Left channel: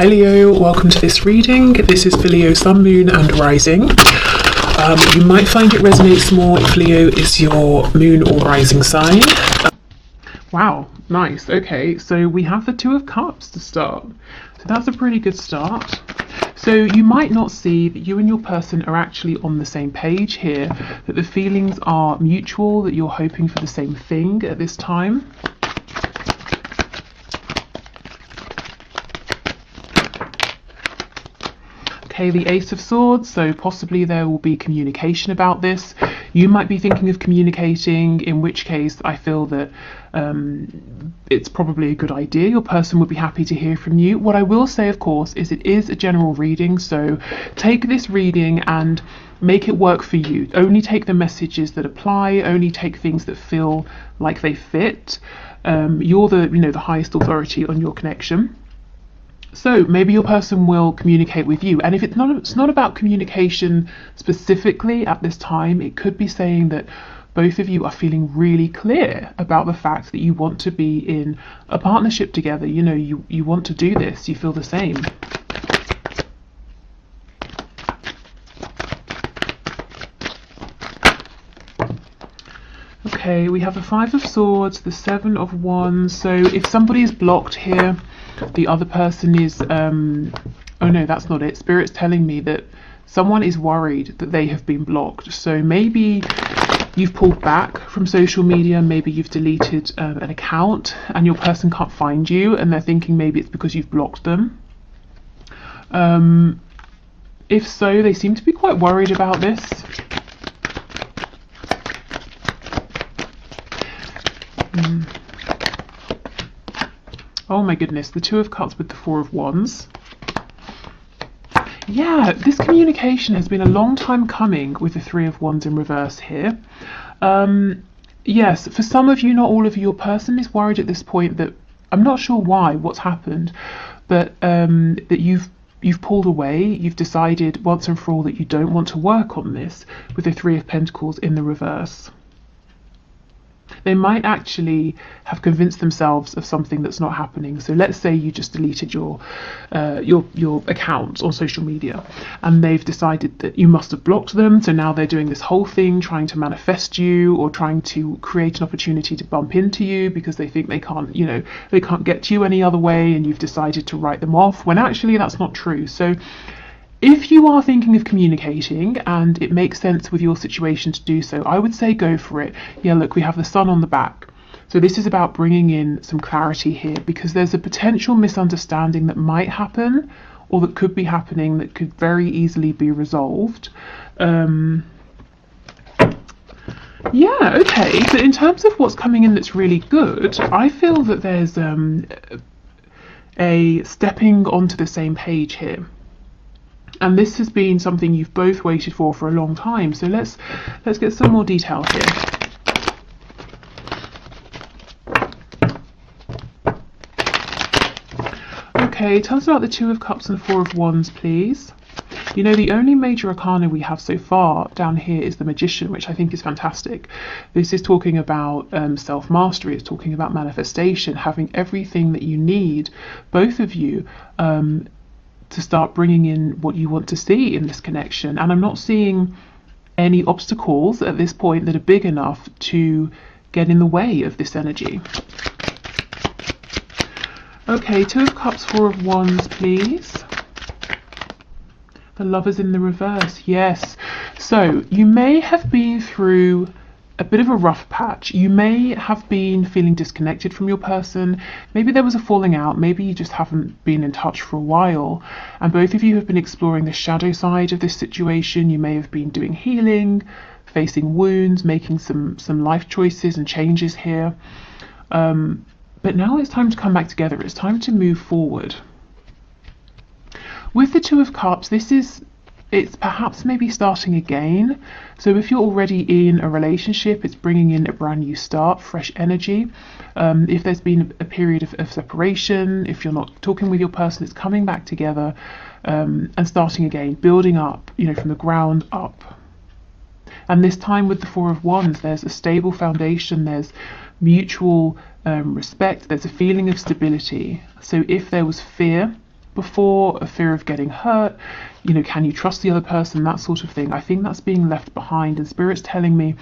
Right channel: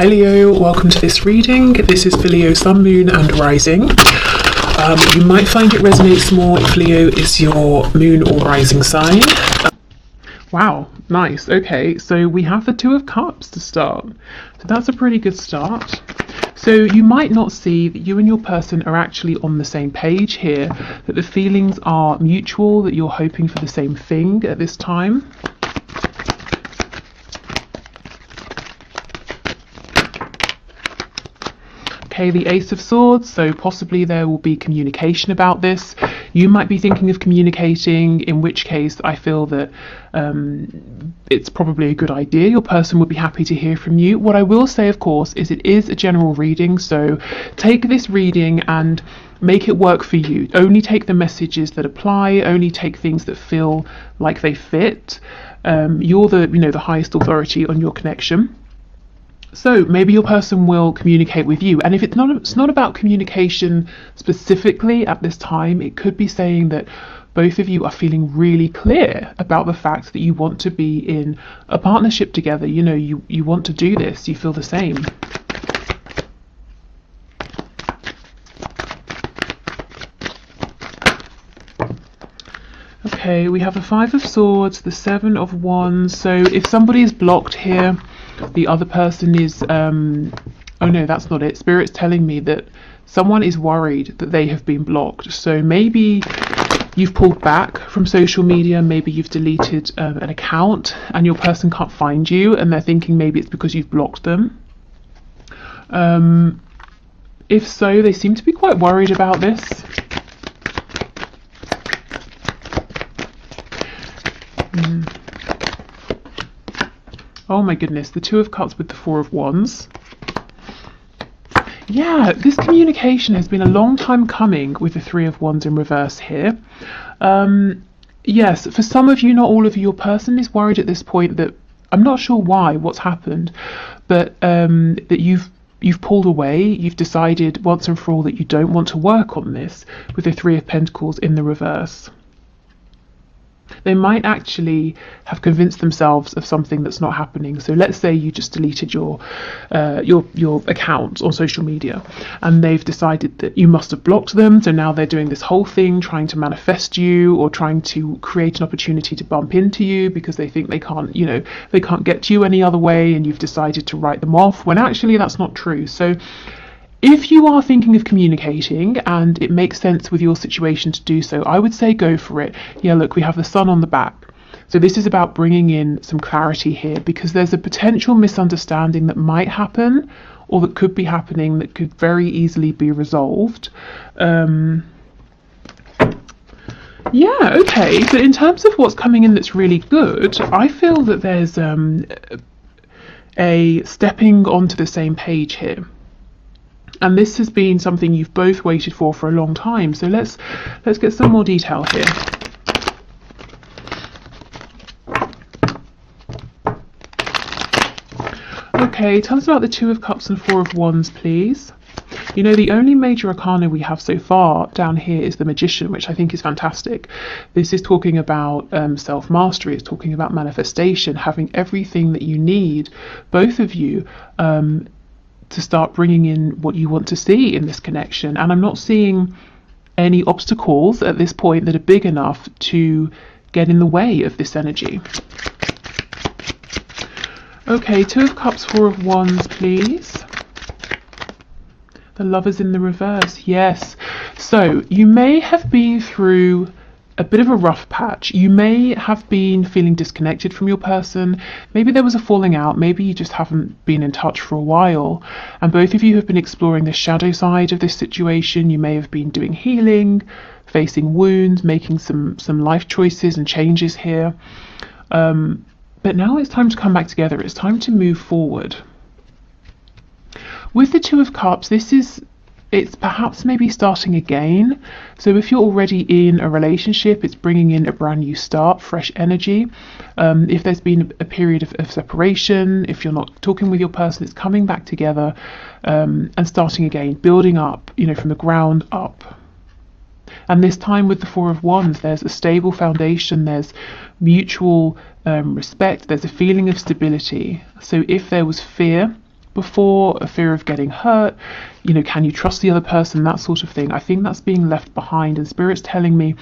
Hi Leo, welcome to this reading. This is for Leo Sun, Moon and Rising. You might find it resonates more if Leo is your Moon or Rising sign. Wow, nice. Okay, so we have the Two of Cups to start. So that's a pretty good start. So you might not see that you and your person are actually on the same page here, that the feelings are mutual, that you're hoping for the same thing at this time. The Ace of Swords, so possibly there will be communication about this. You might be thinking of communicating, in which case I feel that it's probably a good idea. Your person would be happy to hear from you. What I will say, of course, is it is a general reading, so take this reading and make it work for you. Only take the messages that apply, only take things that feel like they fit. You're the highest authority on your connection. So maybe your person will communicate with you, and if it's not about communication specifically at this time, it could be saying that both of you are feeling really clear about the fact that you want to be in a partnership together. You want to do this, you feel the same. Okay, we have the Five of Swords, the Seven of Wands. So if somebody is blocked here, the other person is, oh no, that's not it. Spirit's telling me that someone is worried that they have been blocked. So maybe you've pulled back from social media, maybe you've deleted an account and your person can't find you and they're thinking maybe it's because you've blocked them. If so, they seem to be quite worried about this. Oh my goodness, the Two of Cups with the Four of Wands. Yeah, this communication has been a long time coming with the Three of Wands in reverse here. Yes, for some of you, not all of you, your person is worried at this point that, I'm not sure what's happened, but that you've pulled away, you've decided once and for all that you don't want to work on this with the Three of Pentacles in the reverse. They might actually have convinced themselves of something that's not happening. So let's say you just deleted your account on social media and they've decided that you must have blocked them. So now they're doing this whole thing trying to manifest you or trying to create an opportunity to bump into you because they think they can't get to you any other way, and you've decided to write them off when actually that's not true. So if you are thinking of communicating and it makes sense with your situation to do so, I would say go for it. Yeah, look, we have the Sun on the back. So this is about bringing in some clarity here because there's a potential misunderstanding that might happen or that could be happening that could very easily be resolved. Yeah, okay. So in terms of what's coming in that's really good, I feel that there's a stepping onto the same page here. And this has been something you've both waited for a long time. So let's get some more detail here. Okay, tell us about the Two of Cups and Four of Wands, please. The only major arcana we have so far down here is the Magician, which I think is fantastic. This is talking about self-mastery. It's talking about manifestation, having everything that you need, both of you, to start bringing in what you want to see in this connection. And I'm not seeing any obstacles at this point that are big enough to get in the way of this energy. Okay, Two of Cups, Four of Wands, please. The Lovers in the reverse, yes. So you may have been through a bit of a rough patch. You may have been feeling disconnected from your person. Maybe there was a falling out. Maybe you just haven't been in touch for a while. And both of you have been exploring the shadow side of this situation. You may have been doing healing, facing wounds, making some life choices and changes here. But now it's time to come back together. It's time to move forward. With the Two of Cups, it's perhaps maybe starting again. So if you're already in a relationship, it's bringing in a brand new start, fresh energy. If there's been a period of separation, if you're not talking with your person, it's coming back together and starting again, building up, from the ground up. And this time with the Four of Wands, there's a stable foundation, there's mutual respect, there's a feeling of stability. So if there was fear before, a fear of getting hurt, you know, can you trust the other person, that sort of thing. I think that's being left behind, and Spirit's telling me,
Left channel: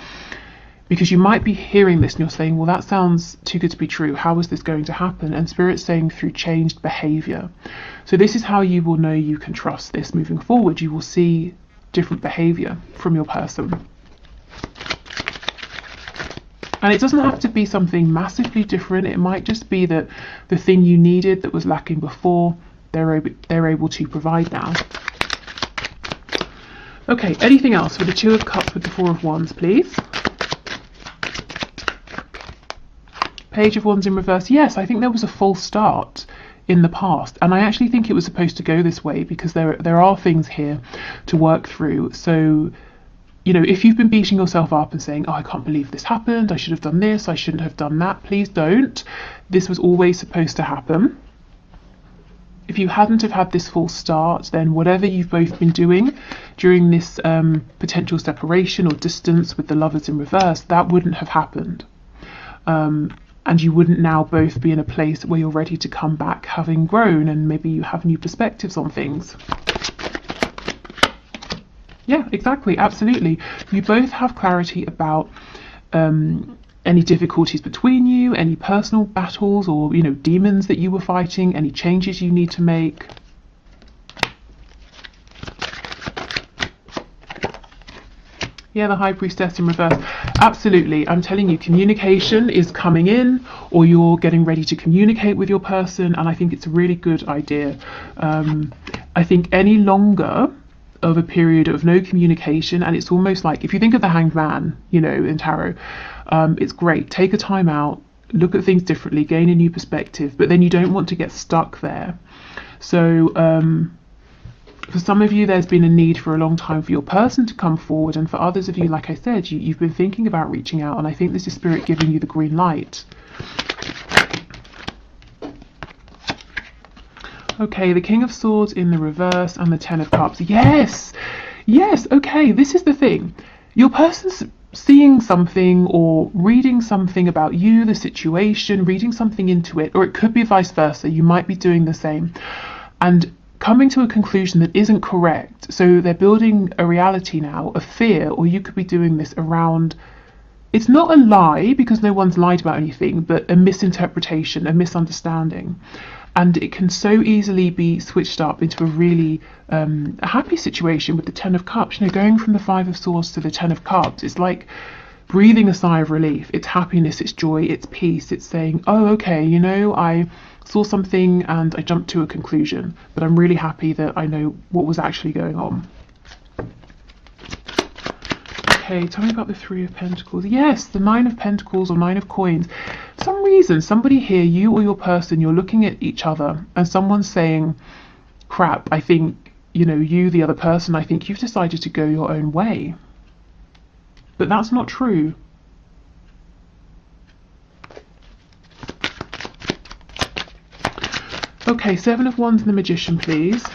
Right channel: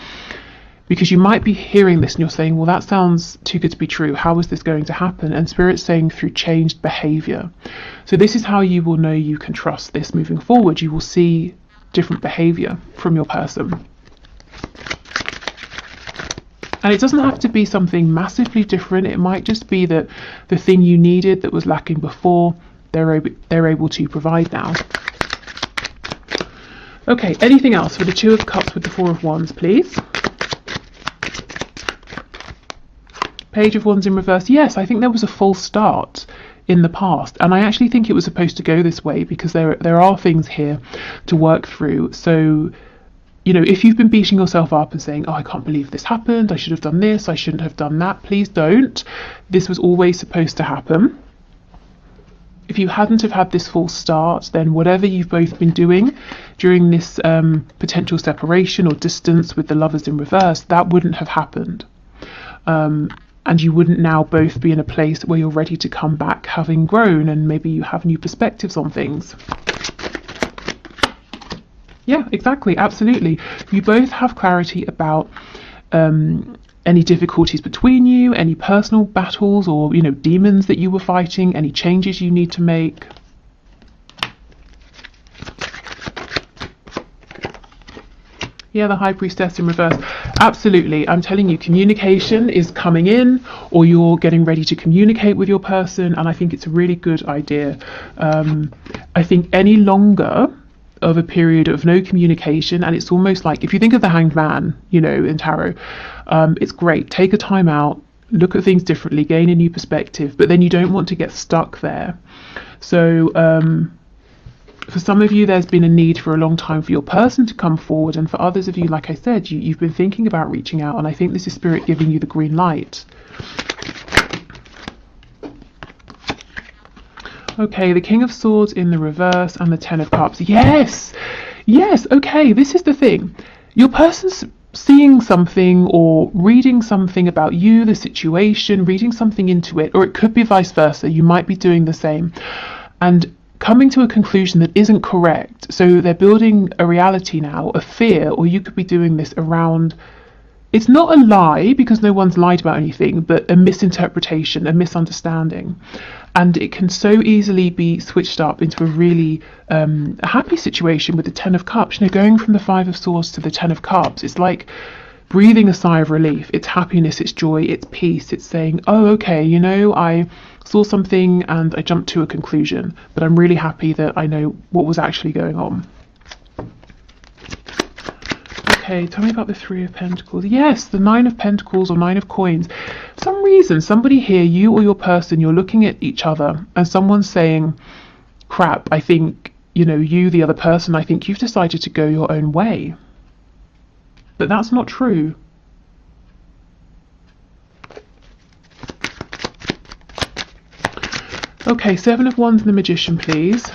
because you might be hearing this and you're saying, well, that sounds too good to be true, how is this going to happen? And Spirit's saying through changed behavior. So this is how you will know you can trust this moving forward. You will see different behavior from your person. And it doesn't have to be something massively different. It might just be that the thing you needed that was lacking before, they're able to provide now. Okay, anything else for the Two of Cups with the Four of Wands, please? Page of Wands in reverse. Yes, I think there was a false start in the past, and I actually think it was supposed to go this way, because there are things here to work through. So, you know, if you've been beating yourself up and saying, oh, I can't believe this happened, I should have done this, I shouldn't have done that, please don't. This was always supposed to happen. If you hadn't have had this false start, then whatever you've both been doing during this potential separation or distance with the Lovers in reverse, that wouldn't have happened. And you wouldn't now both be in a place where you're ready to come back having grown, and maybe you have new perspectives on things. Yeah, exactly, absolutely. You both have clarity about any difficulties between you, any personal battles or, you know, demons that you were fighting, any changes you need to make. Yeah, the High Priestess in reverse. Absolutely. I'm telling you, communication is coming in, or you're getting ready to communicate with your person, and I think it's a really good idea. I think any longer of a period of no communication, and it's almost like, if you think of the Hanged Man, you know, in tarot, it's great. Take a time out, look at things differently, gain a new perspective, but then you don't want to get stuck there. So, for some of you, there's been a need for a long time for your person to come forward, and for others of you, like I said, you've been thinking about reaching out, and I think this is Spirit giving you the green light. Okay, the King of Swords in the reverse and the Ten of Cups. Yes, yes, okay, this is the thing. Your person's seeing something or reading something about you, the situation, reading something into it, or it could be vice versa. You might be doing the same and coming to a conclusion that isn't correct. So they're building a reality now, a fear, or you could be doing this around, it's not a lie because no one's lied about anything, but a misinterpretation, a misunderstanding. And it can so easily be switched up into a really a happy situation with the Ten of Cups. You know, going from the Five of Swords to the Ten of Cups, it's like breathing a sigh of relief. It's happiness, it's joy, it's peace. It's saying, oh, okay, you know, I saw something and I jumped to a conclusion, but I'm really happy that I know what was actually going on. Okay, tell me about the Three of Pentacles. Yes, the Nine of Pentacles or Nine of Coins. For some reason, somebody here, you or your person, you're looking at each other and someone's saying, crap, I think, you know, you, the other person, I think you've decided to go your own way. But that's not true. Okay, Seven of Wands and the Magician, please.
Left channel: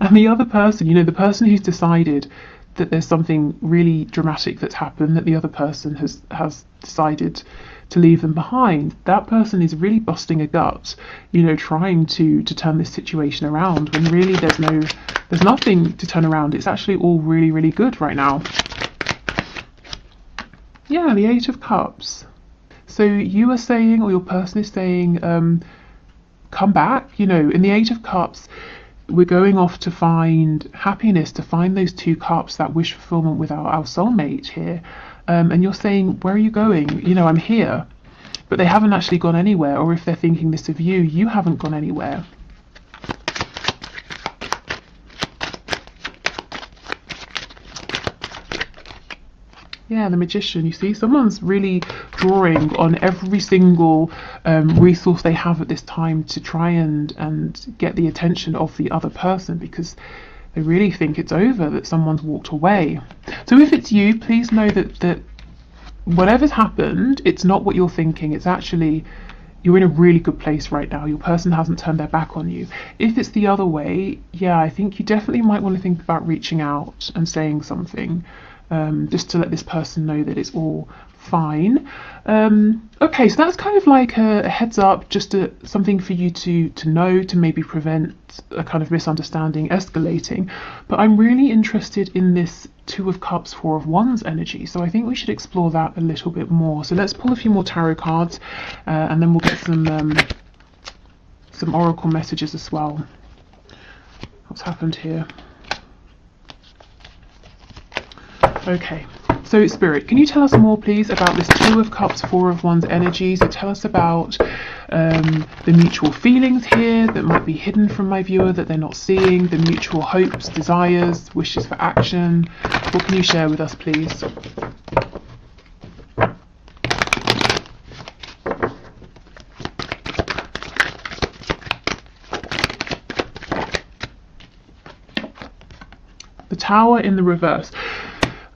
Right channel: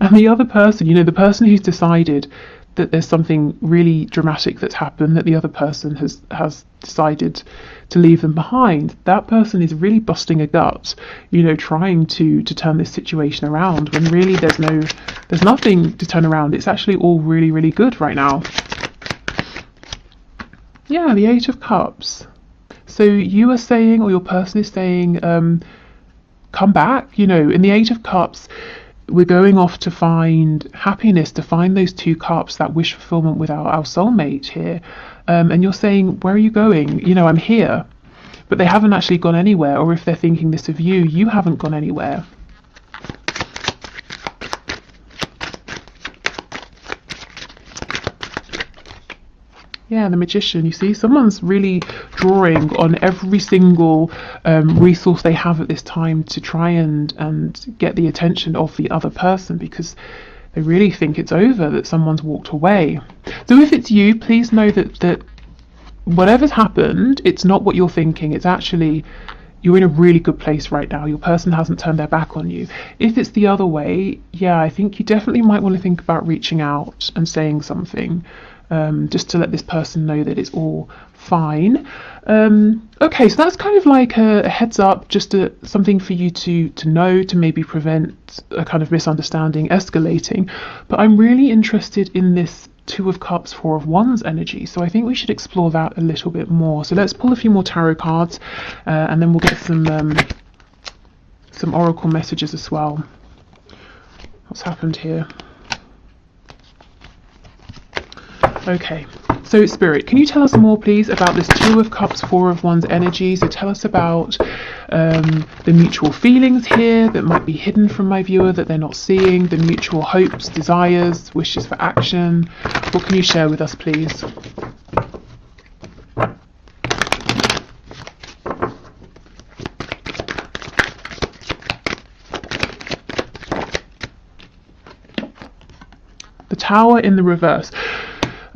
And the other person, you know, the person who's decided that there's something really dramatic that's happened, that the other person has decided to leave them behind, that person is really busting a gut, you know, trying to turn this situation around, when really there's nothing to turn around. It's actually all really, really good right now. Yeah, the Eight of Cups. So you are saying, or your person is saying, come back, you know, in the Eight of Cups, we're going off to find happiness, to find those two cups, that wish fulfillment with our soulmate here. And you're saying, where are you going? You know, I'm here. But they haven't actually gone anywhere. Or if they're thinking this of you, you haven't gone anywhere. Yeah, the Magician, you see, someone's really drawing on every single resource they have at this time to try and get the attention of the other person, because they really think it's over, that someone's walked away. So if it's you, please know that whatever's happened, it's not what you're thinking. It's actually, you're in a really good place right now. Your person hasn't turned their back on you. If it's the other way, yeah, I think you definitely might want to think about reaching out and saying something. Just to let this person know that it's all fine. Okay, so that's kind of like a heads up, just something for you to know, to maybe prevent a kind of misunderstanding escalating. But I'm really interested in this Two of Cups, Four of Wands energy, so I think we should explore that a little bit more. So let's pull a few more tarot cards, and then we'll get some oracle messages as well. What's happened here? Okay, so Spirit, can you tell us more, please, about this Two of Cups, Four of Wands energy? So tell us about the mutual feelings here that might be hidden from my viewer, that they're not seeing, the mutual hopes, desires, wishes for action. What can you share with us, please? The Tower in the reverse.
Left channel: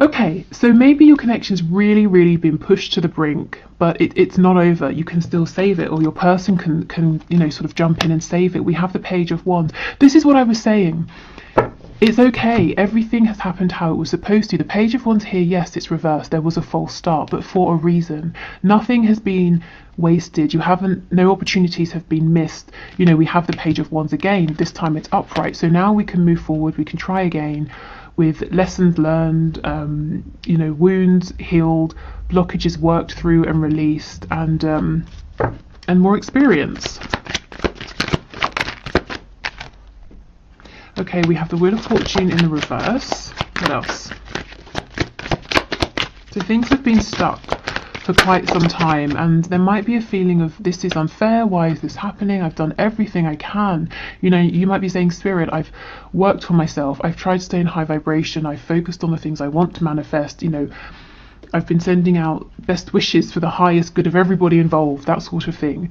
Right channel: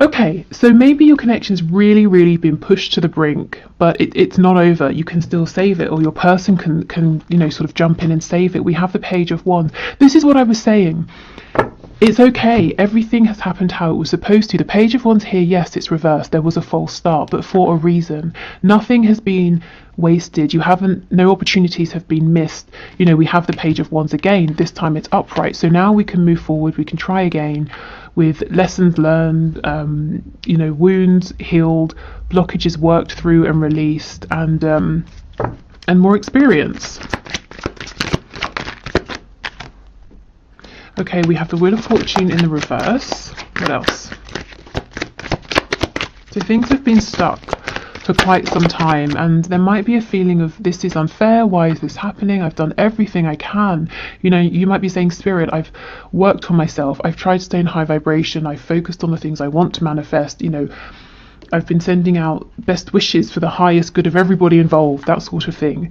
Okay, so maybe your connection's really been pushed to the brink, but it's not over. You can still save it, or your person can sort of jump in and save it. We have the Page of Wands. This is what I was saying. It's okay. Everything has happened how it was supposed to. The Page of Wands here, yes, it's reversed. There was a false start, but for a reason. Nothing has been wasted. No opportunities have been missed. We have the Page of Wands again. This time it's upright. So now we can move forward. We can try again, with lessons learned, wounds healed, blockages worked through and released, and more experience. Okay, we have the Wheel of Fortune in the reverse. What else? So things have been stuck for quite some time, and there might be a feeling of, this is unfair, why is this happening, I've done everything I can. You might be saying, Spirit, I've worked for myself, I've tried to stay in high vibration, I've focused on the things I want to manifest, I've been sending out best wishes for the highest good of everybody involved, that sort of thing.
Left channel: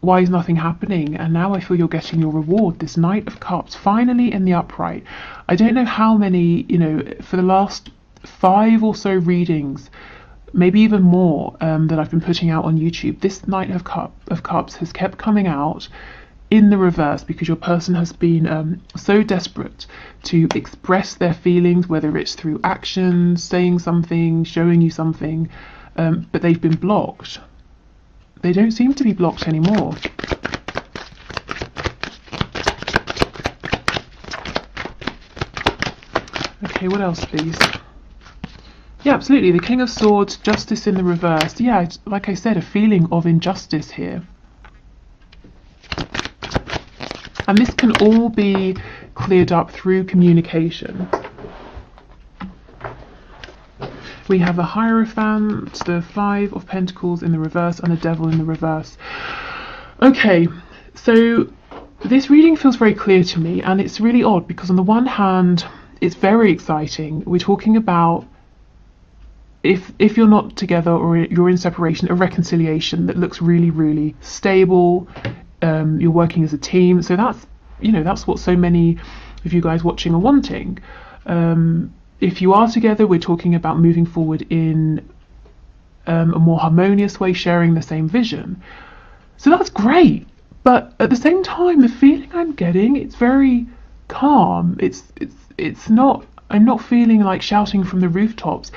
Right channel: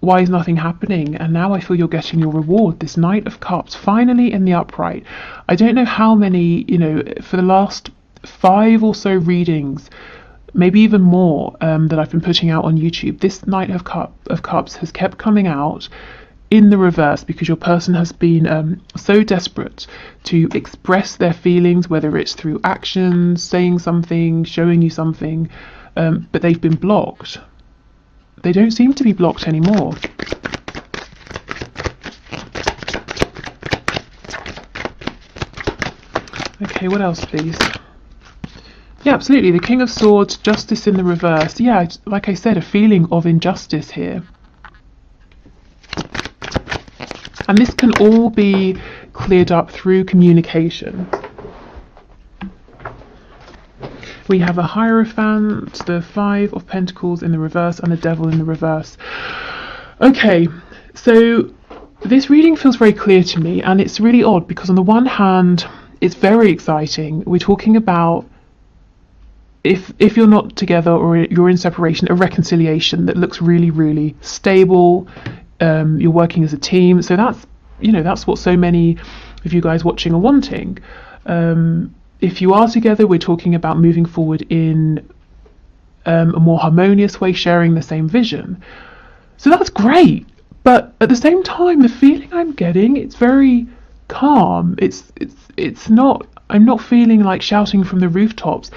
Why is nothing happening? And now I feel you're getting your reward, this Knight of Cups, finally in the upright. I don't know how many, for the last 5 or so readings, maybe even more, that I've been putting out on YouTube, this Knight of Cups has kept coming out in the reverse, because your person has been so desperate to express their feelings, whether it's through actions, saying something, showing you something, but they've been blocked. They don't seem to be blocked anymore. Okay, what else, please? Yeah, absolutely. The King of Swords, Justice in the reverse. Yeah, like I said, a feeling of injustice here. And this can all be cleared up through communication. We have a Hierophant, the Five of Pentacles in the reverse, and the Devil in the reverse. Okay, so this reading feels very clear to me, and it's really odd because on the one hand, it's very exciting. We're talking about, if you're not together or you're in separation, a reconciliation that looks really stable. You're working as a team, so that's what so many of you guys watching are wanting. If you are together, we're talking about moving forward in a more harmonious way, sharing the same vision. So that's great, but at the same time, the feeling I'm getting, it's very calm. It's not. I'm not feeling like shouting from the rooftops.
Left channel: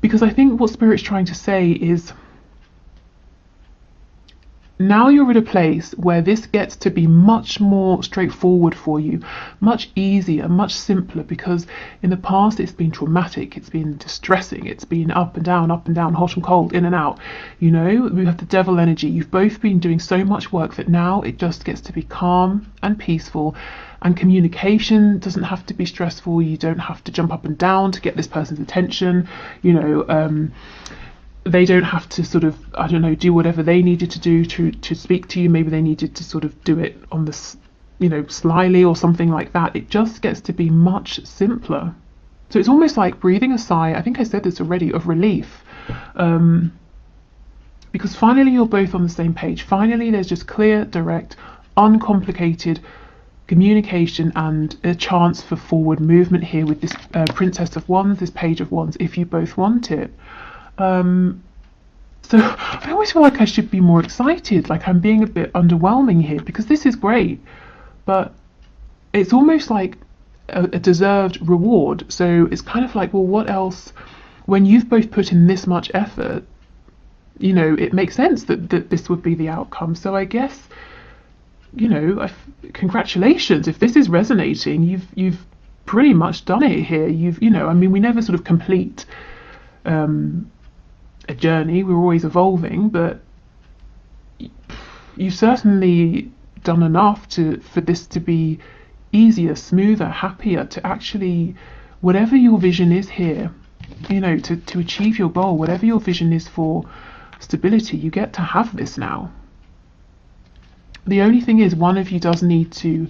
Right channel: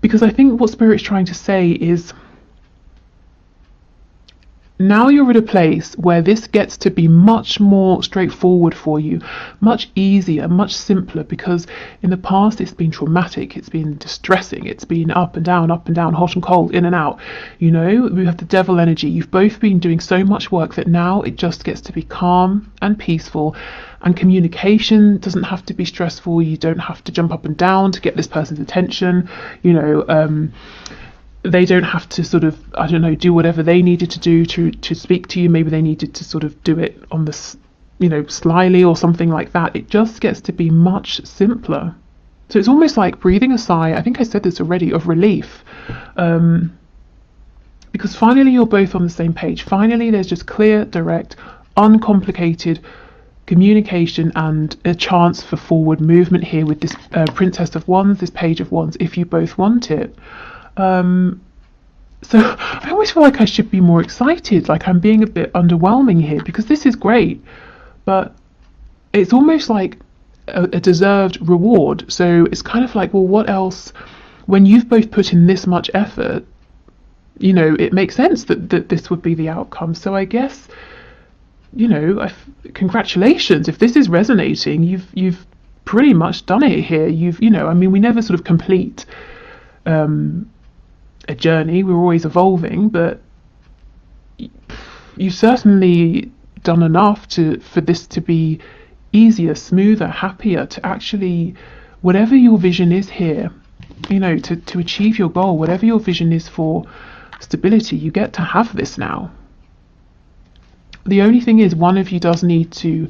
Because I think what Spirit's trying to say is, now you're at a place where this gets to be much more straightforward for you, much easier, much simpler, because in the past it's been traumatic, it's been distressing, it's been up and down, hot and cold, in and out. We have the Devil energy. You've both been doing so much work that now it just gets to be calm and peaceful, and communication doesn't have to be stressful. You don't have to jump up and down to get this person's attention. They don't have to sort of, do whatever they needed to do to speak to you. Maybe they needed to sort of do it on the, slyly or something like that. It just gets to be much simpler. So it's almost like breathing a sigh, I think I said this already, of relief. Because finally you're both on the same page. Finally there's just clear, direct, uncomplicated communication and a chance for forward movement here with this Princess of Wands, this Page of Wands, if you both want it. So I always feel like I should be more excited, like I'm being a bit underwhelming here, because this is great, but it's almost like a deserved reward. So it's kind of like, well, what else when you've both put in this much effort, it makes sense that this would be the outcome. So I guess, congratulations. If this is resonating, you've pretty much done it here. We never sort of complete a journey. We're always evolving, but you've certainly done enough for this to be easier, smoother, happier, to actually, whatever your vision is here, to achieve your goal, whatever your vision is for stability, you get to have this now. The only thing is, one of you does need to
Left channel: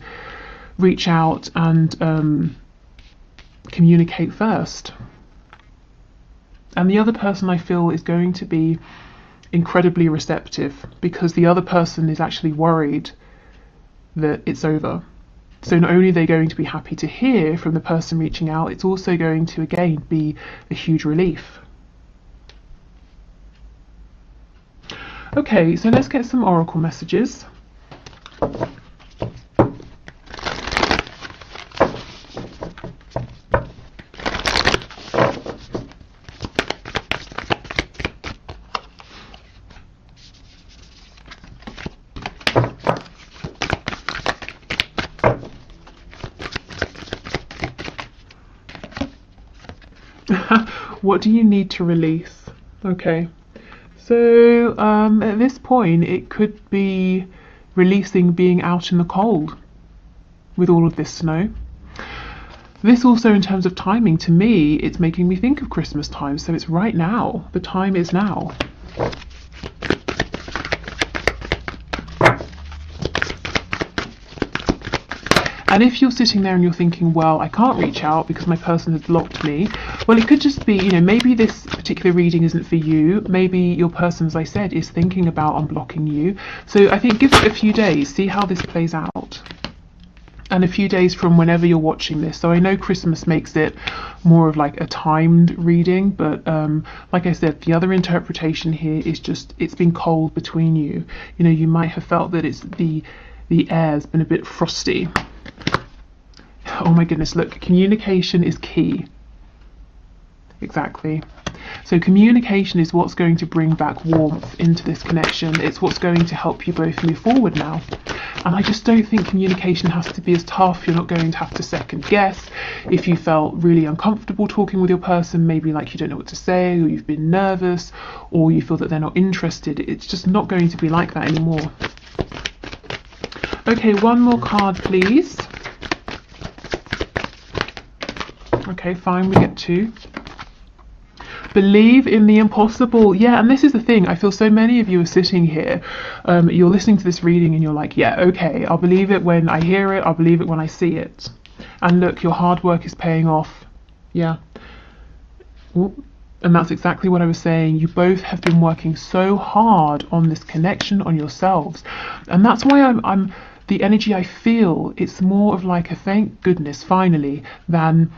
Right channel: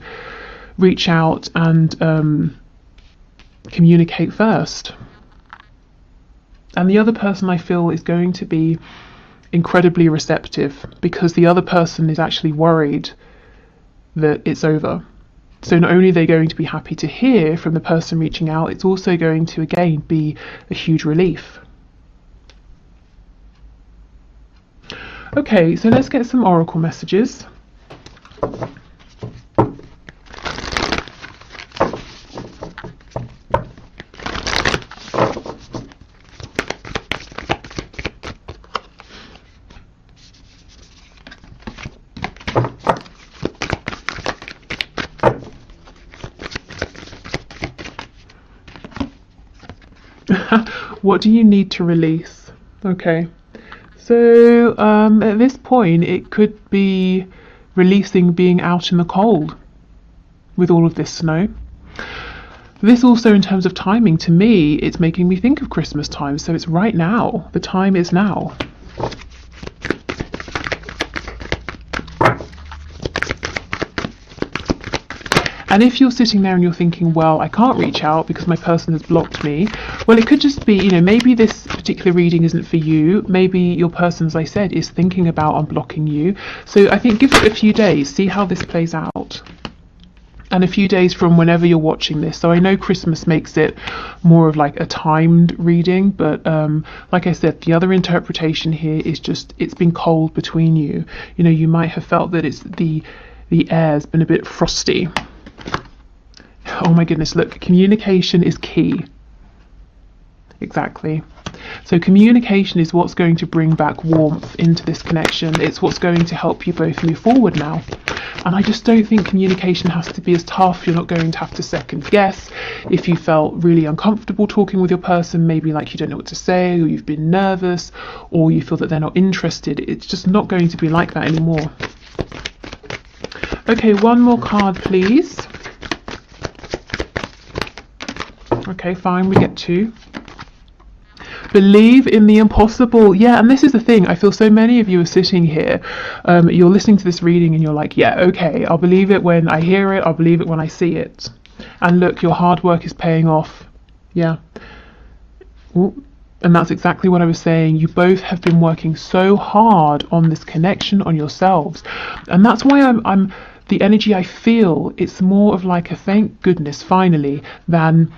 reach out and communicate first. And the other person, I feel, is going to be incredibly receptive, because the other person is actually worried that it's over. So not only are they going to be happy to hear from the person reaching out, it's also going to, again, be a huge relief. Okay, so let's get some oracle messages. What do you need to release? Okay, so at this point it could be releasing being out in the cold with all of this snow. This also, in terms of timing, to me, it's making me think of Christmas time, so it's right now. The time is now. And if you're sitting there and you're thinking, well, I can't reach out because my person has blocked me, well, it could just be, maybe this particular reading isn't for you. Maybe your person, as I said, is thinking about unblocking you. So I think give it a few days, see how this plays out. And a few days from whenever you're watching this. So I know Christmas makes it more of like a timed reading, but like I said, the other interpretation here is just, it's been cold between you. You might have felt that it's the air's been a bit frosty. Oh my goodness, look, communication is key. Exactly. So communication is what's going to bring back warmth into this connection. It's what's going to help you both move forward now. And I just don't think communication has to be as tough. You're not going to have to second guess. If you felt really uncomfortable talking with your person, maybe like you don't know what to say, or you've been nervous, or you feel that they're not interested, it's just not going to be like that anymore. Okay, one more card, please. Okay, fine, we get two. Believe in the impossible. Yeah, and this is the thing. I feel so many of you are sitting here. You're listening to this reading and you're like, yeah, okay, I'll believe it when I hear it. I'll believe it when I see it. And look, your hard work is paying off. Yeah. Ooh. And that's exactly what I was saying. You both have been working so hard on this connection, on yourselves. And that's why I'm the energy I feel, it's more of like a thank goodness finally than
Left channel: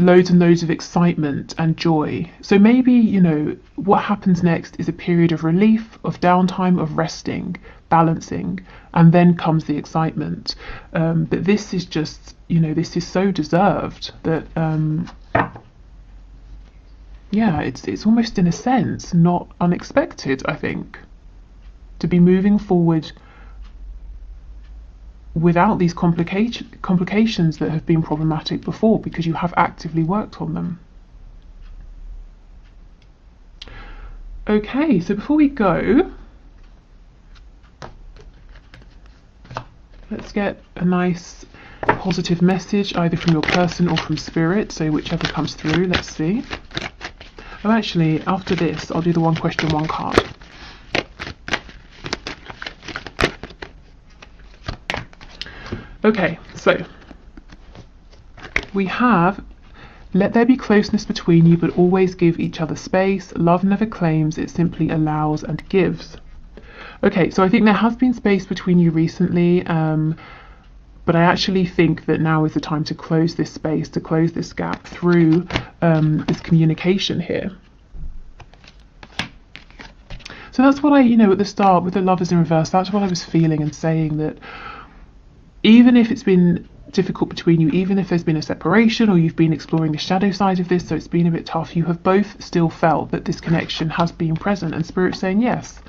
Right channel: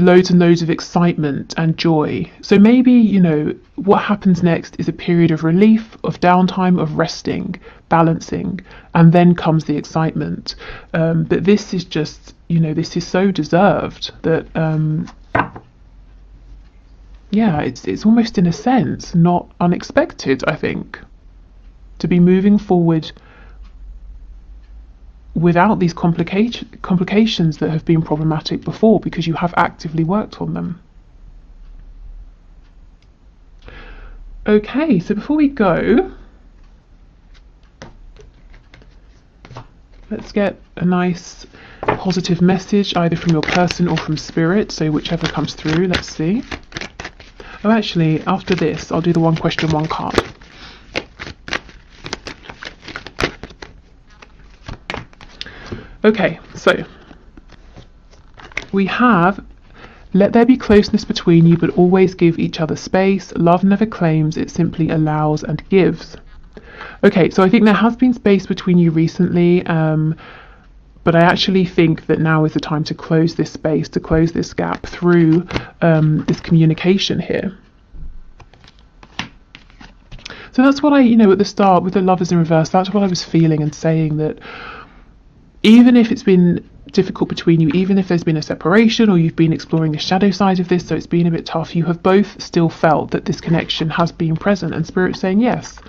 loads and loads of excitement and joy. So maybe, what happens next is a period of relief, of downtime, of resting, balancing, and then comes the excitement. But this is just, this is so deserved that, yeah, it's almost in a sense not unexpected, I think, to be moving forward without these complications that have been problematic before, because you have actively worked on them. Okay, so before we go, let's get a nice positive message either from your person or from spirit, so whichever comes through. Let's see. Oh, actually, after this I'll do the one question, one card. Okay, so we have, let there be closeness between you, but always give each other space. Love never claims, it simply allows and gives. Okay, so I think there has been space between you recently, but I actually think that now is the time to close this space, to close this gap through this communication here. So that's what I, at the start with the Lovers in reverse, that's what I was feeling and saying, that even if it's been difficult between you, even if there's been a separation or you've been exploring the shadow side of this, so it's been a bit tough, you have both still felt that this connection has been present, and Spirit's saying yes,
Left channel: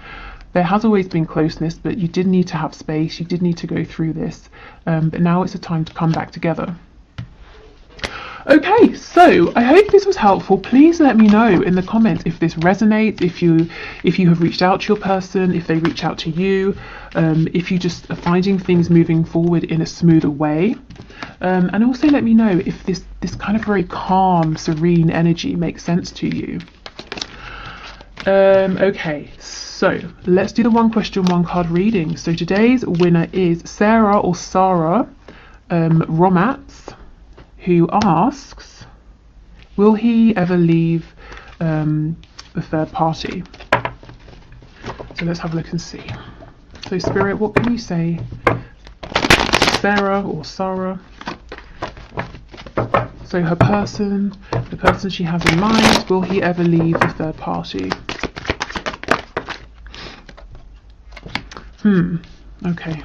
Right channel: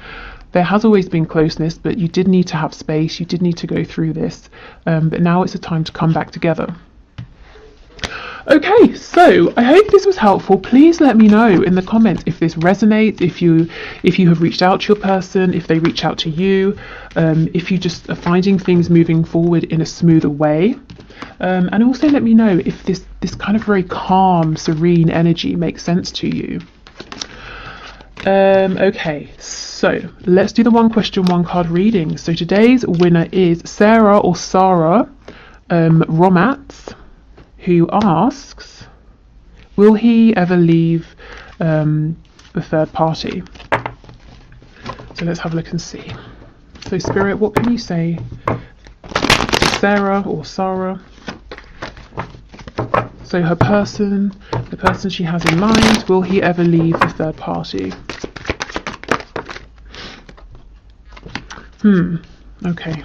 there has always been closeness, but you did need to have space, you did need to go through this, but now it's a time to come back together. Okay, so I hope this was helpful. Please let me know in the comments if this resonates, if you have reached out to your person, if they reach out to you, if you just are finding things moving forward in a smoother way. And also let me know if this kind of very calm, serene energy makes sense to you. Okay, so let's do the one question, one card reading. So today's winner is Sarah or Sarah Romats, who asks, will he ever leave the third party? So let's have a look and see. So Spirit, what can you say? Sarah or Sarah. So the person she has in mind, will he ever leave the third party? Okay.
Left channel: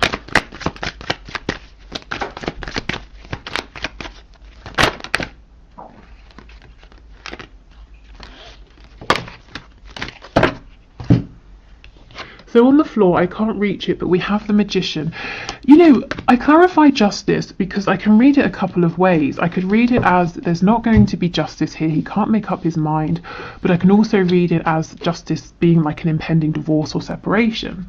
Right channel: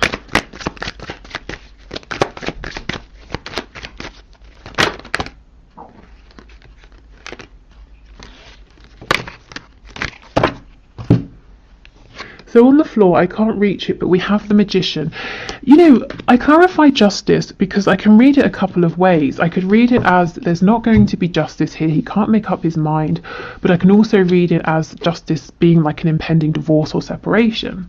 So on the floor, I can't reach it, but we have the Magician. You know, I clarify justice because I can read it a couple of ways. I could read it as there's not going to be justice here, he can't make up his mind, but I can also read it as justice being like an impending divorce or separation.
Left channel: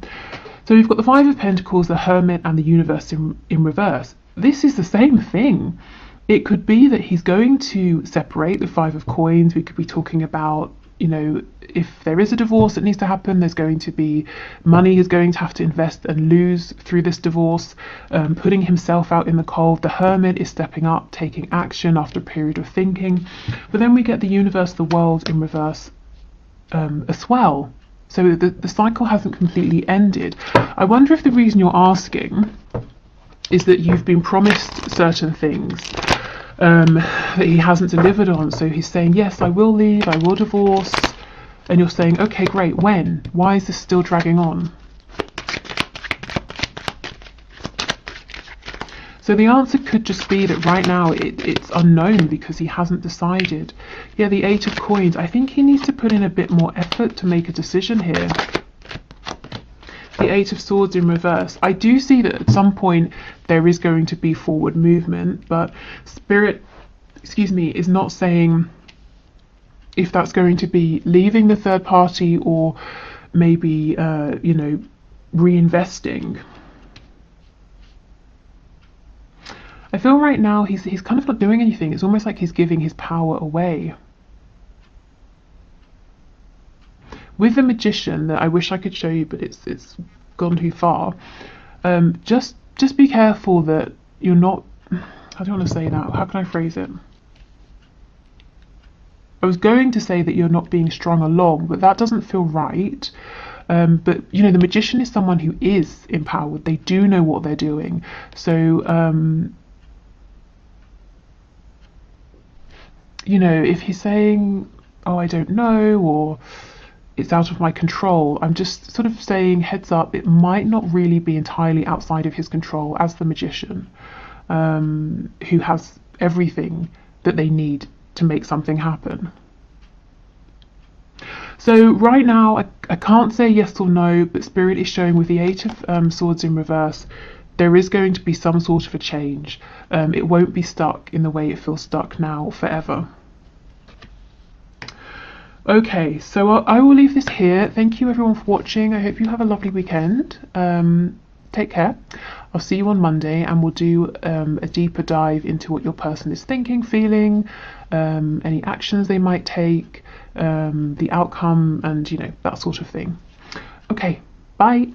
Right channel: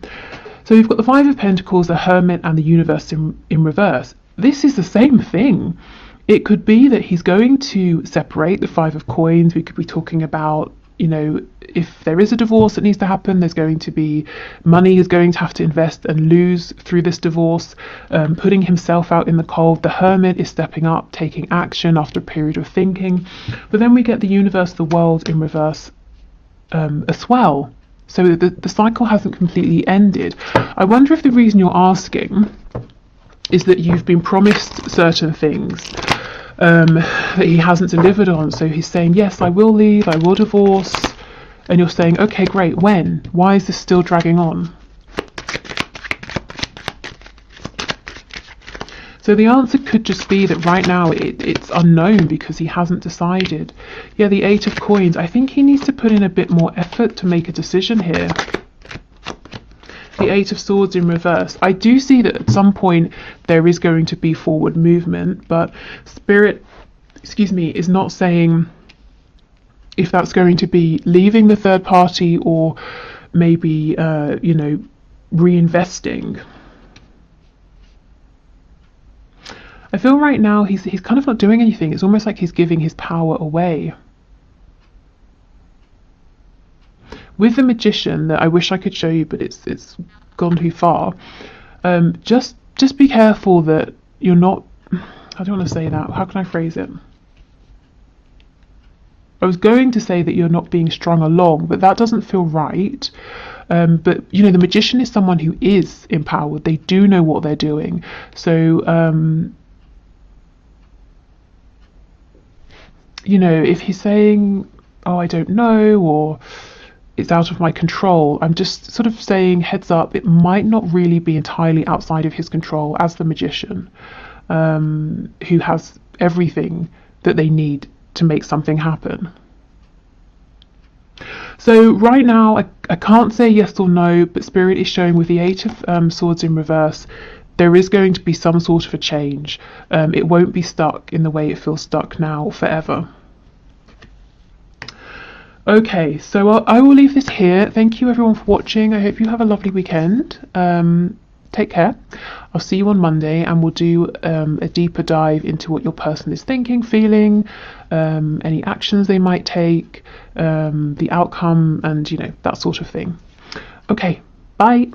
So we've got the Five of Pentacles, the Hermit, and the Universe in reverse. This is the same thing. It could be that he's going to separate. The Five of Coins, we could be talking about, you know, if there is a divorce that needs to happen, there's going to be money he's going to have to invest and lose through this divorce, putting himself out in the cold. The Hermit is stepping up, taking action after a period of thinking. But then we get the Universe, the World in reverse as well. So the cycle hasn't completely ended. I wonder if the reason you're asking is that you've been promised certain things that he hasn't delivered on. So he's saying, yes, I will leave, I will divorce. And you're saying, okay, great, when? Why is this still dragging on? So the answer could just be that right now it's unknown because he hasn't decided. Yeah, the Eight of Coins, I think he needs to put in a bit more effort to make a decision here. The Eight of Swords in reverse. I do see that at some point there is going to be forward movement, but Spirit, is not saying if that's going to be leaving the third party or maybe, you know, reinvesting. I feel right now he's kind of not doing anything. It's almost like he's giving his power away. With the Magician, that I wish I could show you, but it's gone too far. Just be careful that you're not. I don't want to say that. How can I phrase it? I was going to say that you're not being strung along, but that doesn't feel right. But you know, the Magician is someone who is empowered. They do know what they're doing. So you know, if he's saying, oh, I don't know, or it's out of my control, I'm just sort of saying, heads up, it might not really be entirely outside of his control as the Magician, who has everything that they need to make something happen. So right now, I can't say yes or no, but Spirit is showing with the Eight of Swords in reverse, there is going to be some sort of a change. It won't be stuck in the way it feels stuck now forever. Okay, so I will leave this here. Thank you everyone for watching. I hope you have a lovely weekend. Take care. I'll see you on Monday and we'll do a deeper dive into what your person is thinking, feeling, any actions they might take, the outcome, and you know, that sort of thing. Okay, bye.